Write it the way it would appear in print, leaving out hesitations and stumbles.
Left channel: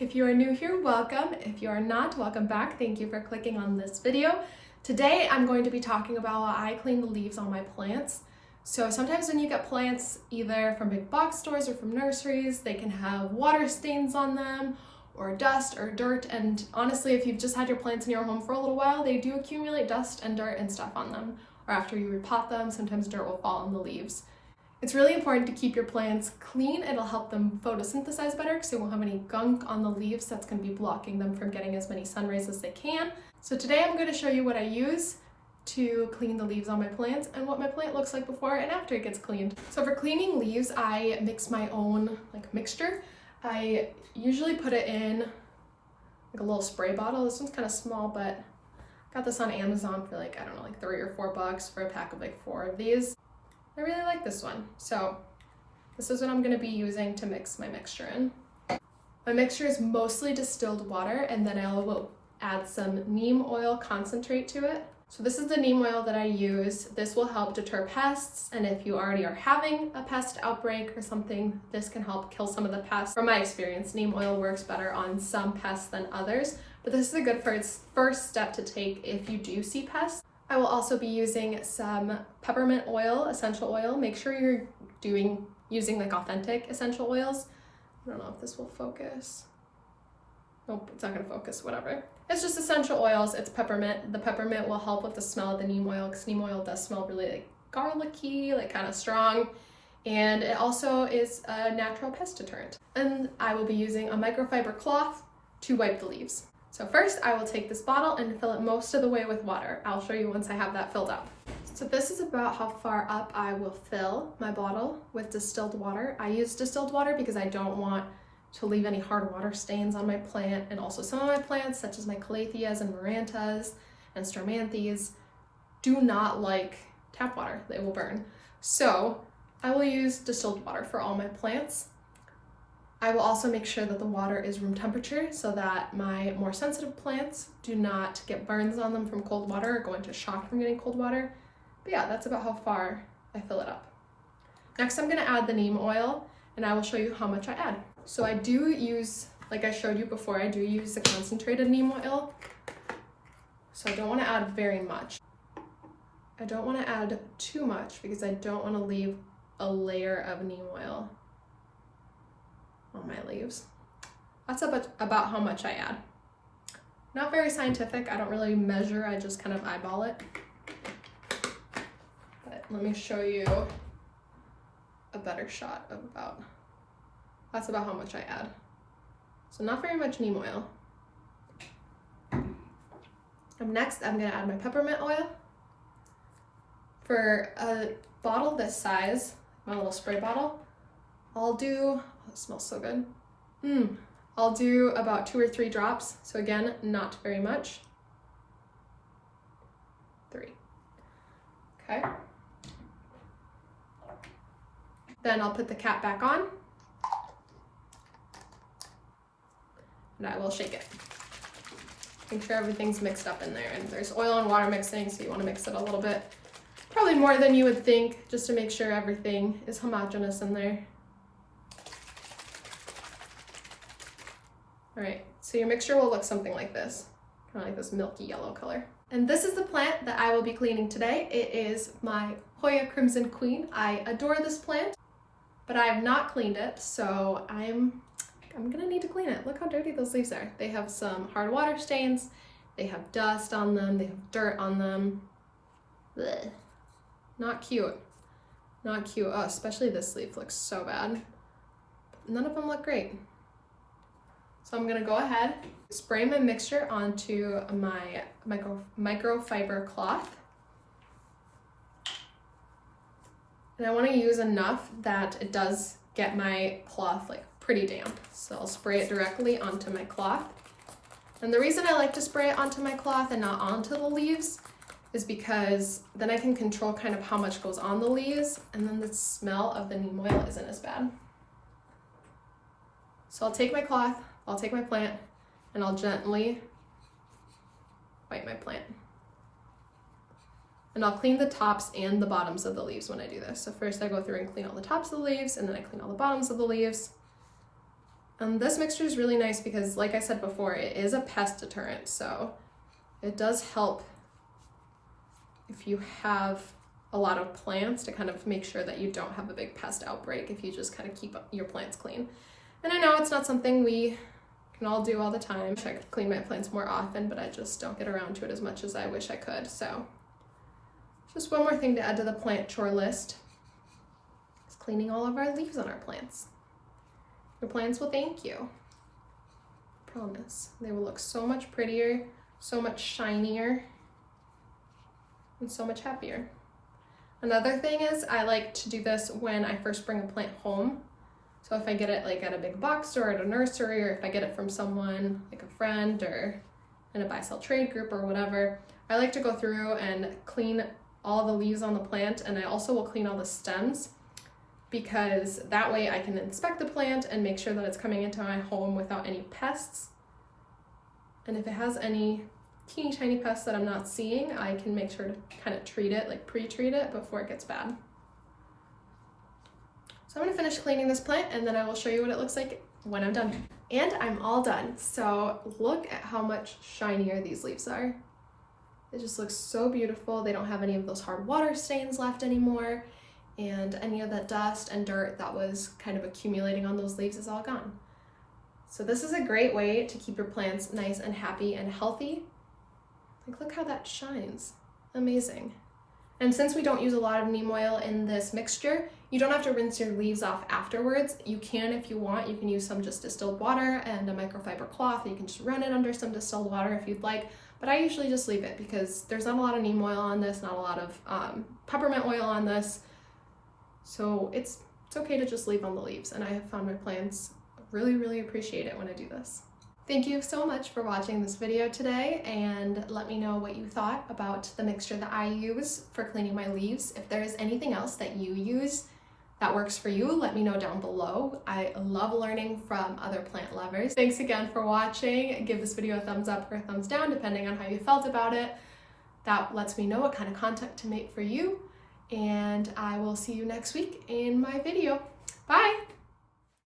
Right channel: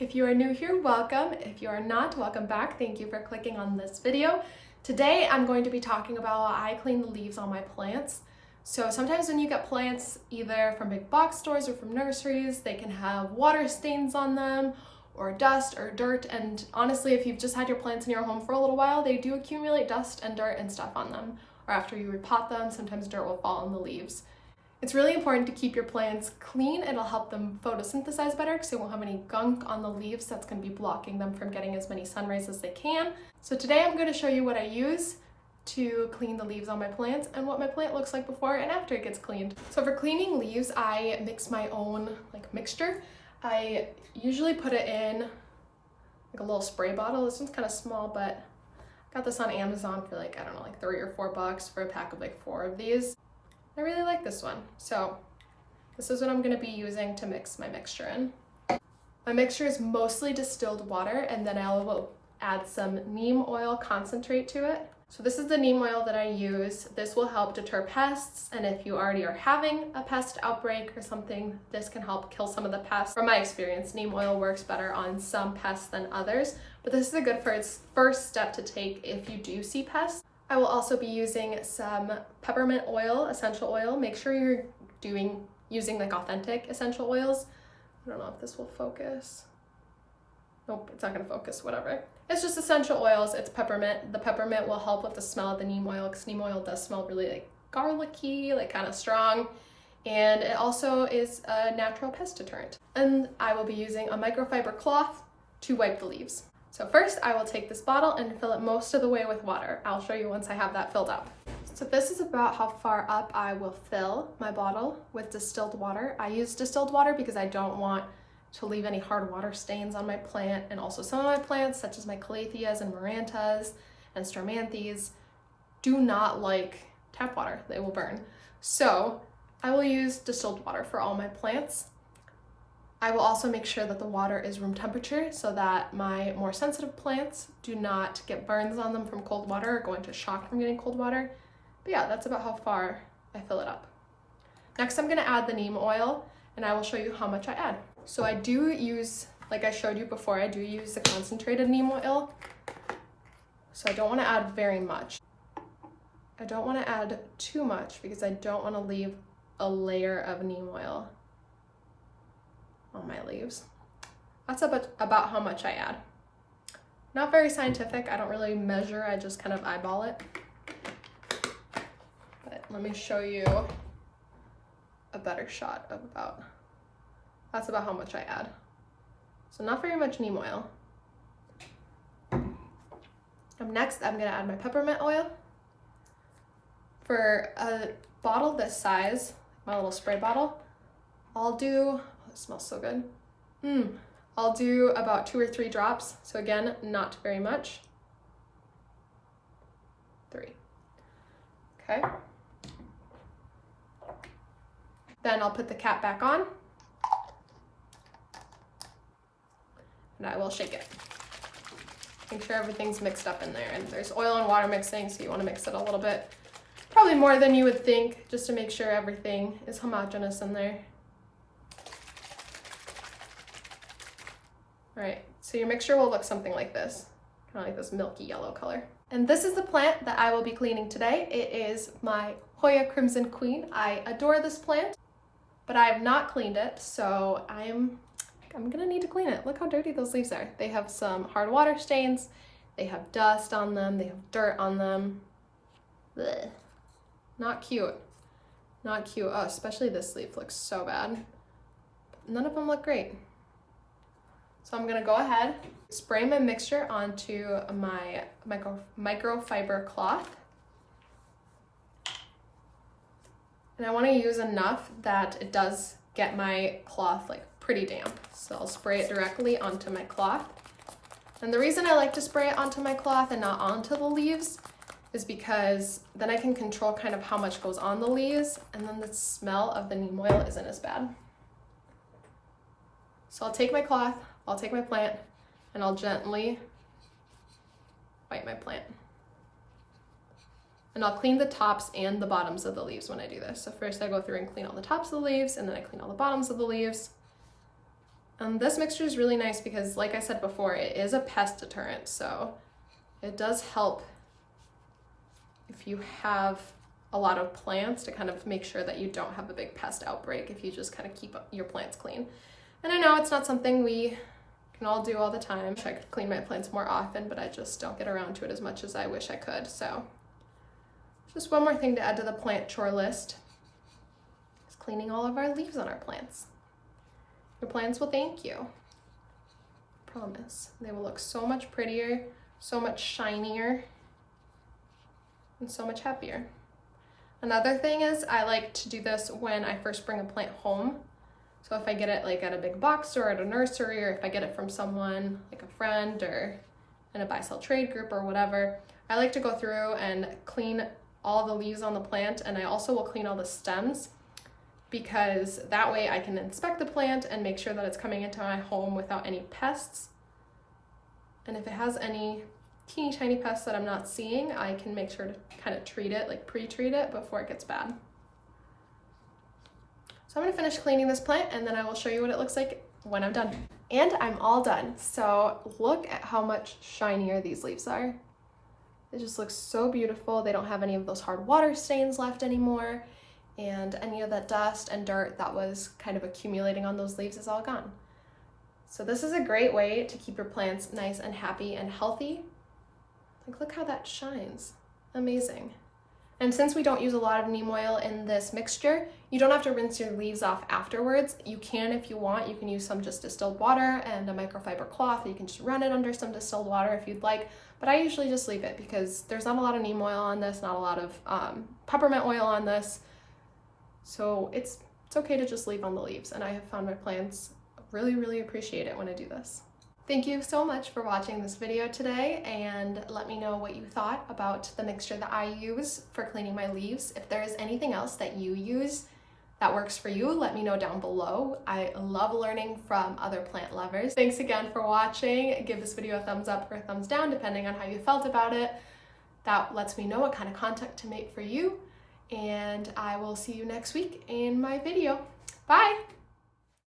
If you are new here, welcome. If you are not, welcome back. Thank you for clicking on this video. Today, I'm going to be talking about how I clean the leaves on my plants. So sometimes when you get plants, either from big box stores or from nurseries, they can have water stains on them or dust or dirt. And honestly, if you've just had your plants in your home for a little while, they do accumulate dust and dirt and stuff on them. Or after you repot them, sometimes dirt will fall on the leaves. It's really important to keep your plants clean. It'll help them photosynthesize better because they won't have any gunk on the leaves that's going to be blocking them from getting as many sun rays as they can. So today I'm going to show you what I use to clean the leaves on my plants and what my plant looks like before and after it gets cleaned. So for cleaning leaves, I mix my own mixture. I usually put it in a little spray bottle. This one's kind of small, but I got this on Amazon for I don't know, $3 or $4 for a pack of 4 of these. I really like this one. So this is what I'm going to be using to mix my mixture in. My mixture is mostly distilled water, and then I will add some neem oil concentrate to it. So this is the neem oil that I use. This will help deter pests, and if you already are having a pest outbreak or something, this can help kill some of the pests. From my experience, neem oil works better on some pests than others, but this is a good first step to take if you do see pests. I will also be using some peppermint oil, essential oil. Make sure you're using authentic essential oils. I don't know if this will focus. Nope, it's not gonna focus, whatever. It's just essential oils, it's peppermint. The peppermint will help with the smell of the neem oil because neem oil does smell really garlicky, kind of strong. And it also is a natural pest deterrent. And I will be using a microfiber cloth to wipe the leaves. So first I will take this bottle and fill it most of the way with water. I'll show you once I have that filled up. So this is about how far up I will fill my bottle with distilled water. I use distilled water because I don't want to leave any hard water stains on my plant, and also some of my plants, such as my calatheas and marantas and stramanthes, do not like tap water. They will burn. So I will use distilled water for all my plants. I will also make sure that the water is room temperature so that my more sensitive plants do not get burns on them from cold water or go into shock from getting cold water. But yeah, that's about how far I fill it up. Next, I'm gonna add the neem oil, and I will show you how much I add. So I do use, like I showed you before, I do use the concentrated neem oil. So I don't wanna add very much. I don't wanna add too much because I don't wanna leave a layer of neem oil on my leaves. That's about how much I add. Not very scientific, I don't really measure, I just kind of eyeball it. But let me show you a better shot of that's about how much I add. So not very much neem oil. Next, I'm gonna add my peppermint oil. For a bottle this size, my little spray bottle, I'll do, it smells so good. I'll do about 2 or 3 drops. So again, not very much. 3. Okay. Then I'll put the cap back on. And I will shake it. Make sure everything's mixed up in there. And there's oil and water mixing, so you want to mix it a little bit. Probably more than you would think, just to make sure everything is homogeneous in there. All right, so your mixture will look something like this, kind of like this milky yellow color. And this is the plant that I will be cleaning today. It is my Hoya Crimson Queen. I adore this plant, but I have not cleaned it, so I'm gonna need to clean it. Look how dirty those leaves are. They have some hard water stains, they have dust on them, they have dirt on them. Blech. Not cute, not cute. Oh, especially this leaf looks so bad. None of them look great. So I'm gonna go ahead, spray my mixture onto my microfiber cloth. And I wanna use enough that it does get my cloth pretty damp. So I'll spray it directly onto my cloth. And the reason I like to spray it onto my cloth and not onto the leaves is because then I can control kind of how much goes on the leaves, and then the smell of the neem oil isn't as bad. So I'll take my cloth, I'll take my plant, and I'll gently wipe my plant. And I'll clean the tops and the bottoms of the leaves when I do this. So first I go through and clean all the tops of the leaves, and then I clean all the bottoms of the leaves. This mixture is really nice because, like I said before, it is a pest deterrent, so it does help if you have a lot of plants to kind of make sure that you don't have a big pest outbreak if you just kind of keep your plants clean. And I know it's not something we can all do all the time. I wish I could clean my plants more often, but I just don't get around to it as much as I wish I could. So just one more thing to add to the plant chore list is cleaning all of our leaves on our plants. Your plants will thank you. I promise. They will look so much prettier, so much shinier, and so much happier. Another thing is I like to do this when I first bring a plant home. So if I get it like at a big box store, at a nursery, or if I get it from someone like a friend or in a buy-sell trade group or whatever, I like to go through and clean all the leaves on the plant, and I also will clean all the stems, because that way I can inspect the plant and make sure that it's coming into my home without any pests. And if it has any teeny tiny pests that I'm not seeing, I can make sure to kind of treat it, like pre-treat it before it gets bad. So I'm gonna finish cleaning this plant and then I will show you what it looks like when I'm done. And I'm all done. So look at how much shinier these leaves are. It just looks so beautiful. They don't have any of those hard water stains left anymore, and any of that dust and dirt that was kind of accumulating on those leaves is all gone. So this is a great way to keep your plants nice and happy and healthy. Like, look how that shines. Amazing. And since we don't use a lot of neem oil in this mixture, you don't have to rinse your leaves off afterwards. You can if you want. You can use some just distilled water and a microfiber cloth. You can just run it under some distilled water if you'd like. But I usually just leave it because there's not a lot of neem oil on this, not a lot of peppermint oil on this. So it's okay to just leave on the leaves. And I have found my plants really, really appreciate it when I do this. Thank you so much for watching this video today, and let me know what you thought about the mixture that I use for cleaning my leaves. If there is anything else that you use that works for you, let me know down below. I love learning from other plant lovers. Thanks again for watching. Give this video a thumbs up or a thumbs down depending on how you felt about it. That lets me know what kind of content to make for you, and I will see you next week in my video. Bye!